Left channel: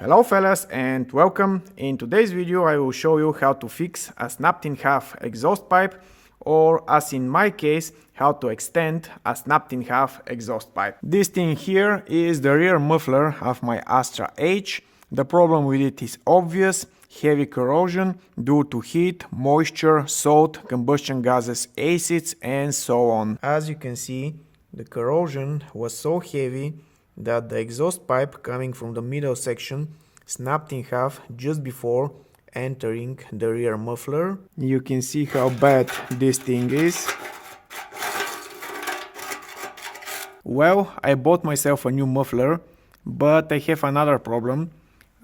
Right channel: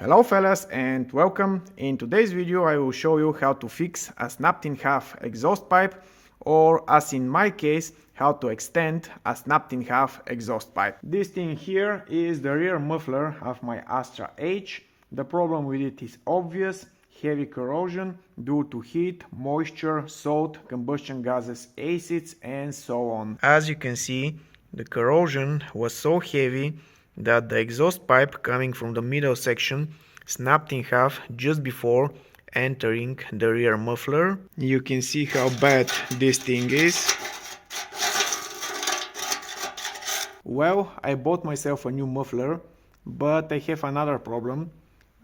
Hello fellas and welcome. In today's video I will show you how to fix a snapped in half exhaust pipe, or as in my case, how to extend a snapped in half exhaust pipe. This thing here is the rear muffler of my Astra H. The problem with it is obvious: heavy corrosion due to heat, moisture, salt, combustion gases, acids and so on. As you can see, the corrosion was so heavy that the exhaust pipe coming from the middle section snapped in half just before entering the rear muffler. You can see how bad this thing is. Well, I bought myself a new muffler, but I have another problem,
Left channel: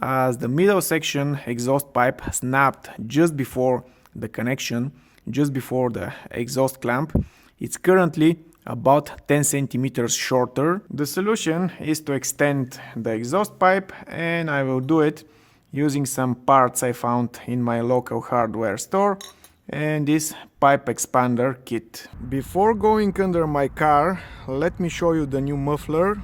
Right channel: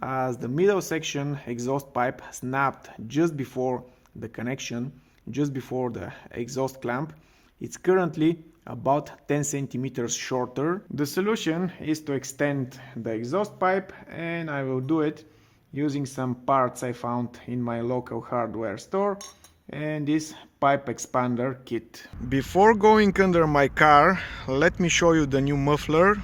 as the middle section exhaust pipe snapped just before the connection, just before the exhaust clamp. It's currently about 10 centimeters shorter. The solution is to extend the exhaust pipe, and I will do it using some parts I found in my local hardware store and this pipe expander kit. Before going under my car, let me show you the new muffler.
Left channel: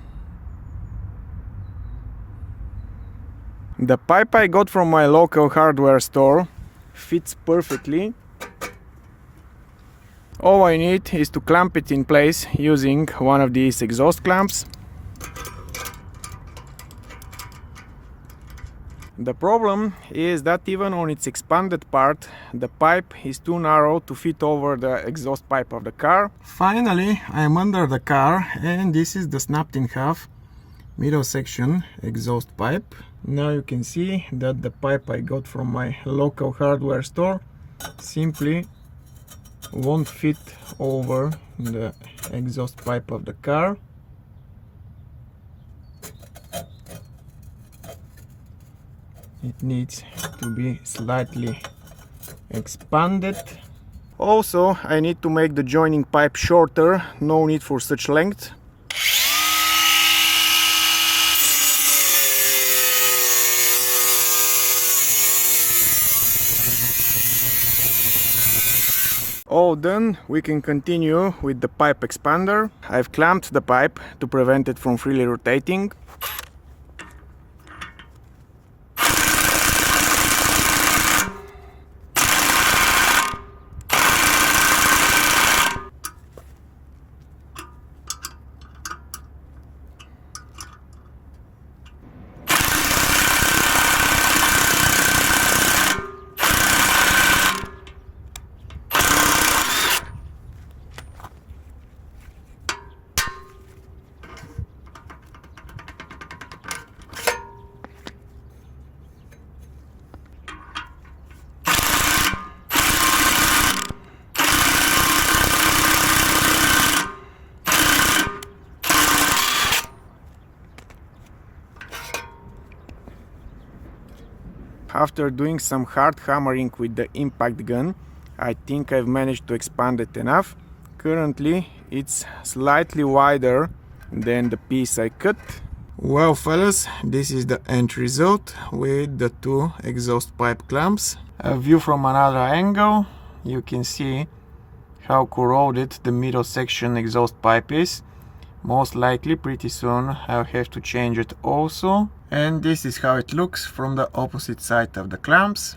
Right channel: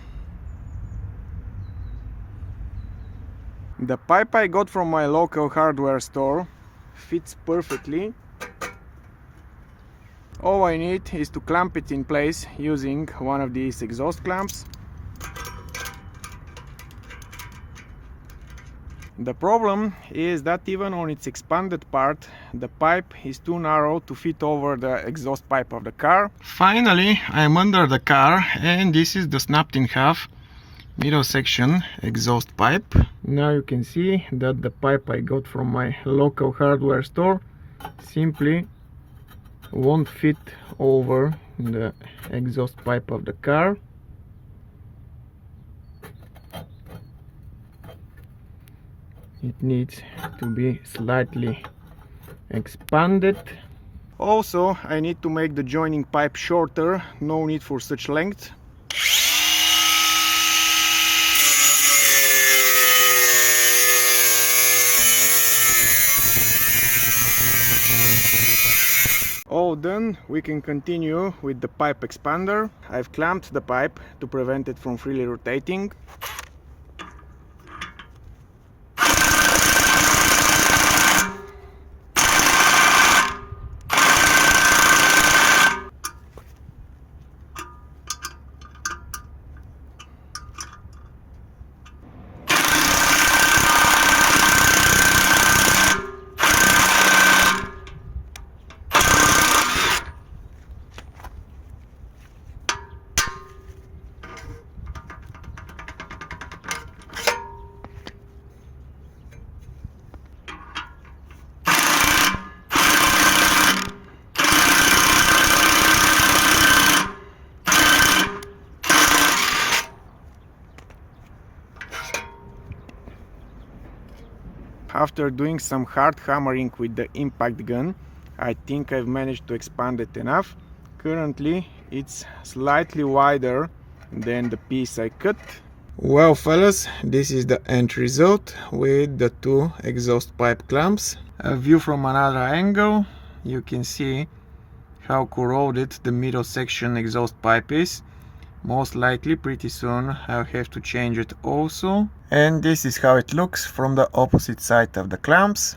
The pipe I got from my local hardware store fits perfectly. All I need is to clamp it in place using one of these exhaust clamps. The problem is that even on its expanded part, the pipe is too narrow to fit over the exhaust pipe of the car. Finally, I am under the car, and this is the snapped in half middle section exhaust pipe. Now you can see that the pipe I got from my local hardware store simply won't fit over the exhaust pipe of the car. It needs to be slightly expanded. Also, I need to make the joining pipe shorter. No need for such length. All done, we can continue with the pipe expander. I've clamped the pipe to prevent it from freely rotating. After doing some hard hammering with the impact gun, I think I've managed to expand it enough. Currently it's slightly wider than the piece I cut. Well fellas, this is the end result with the two exhaust pipe clamps. A view from another angle, you can see how corroded the middle section exhaust pipe is. Most likely pretty soon I'll have to change it also. And this is how it looks from the opposite side of the clamps.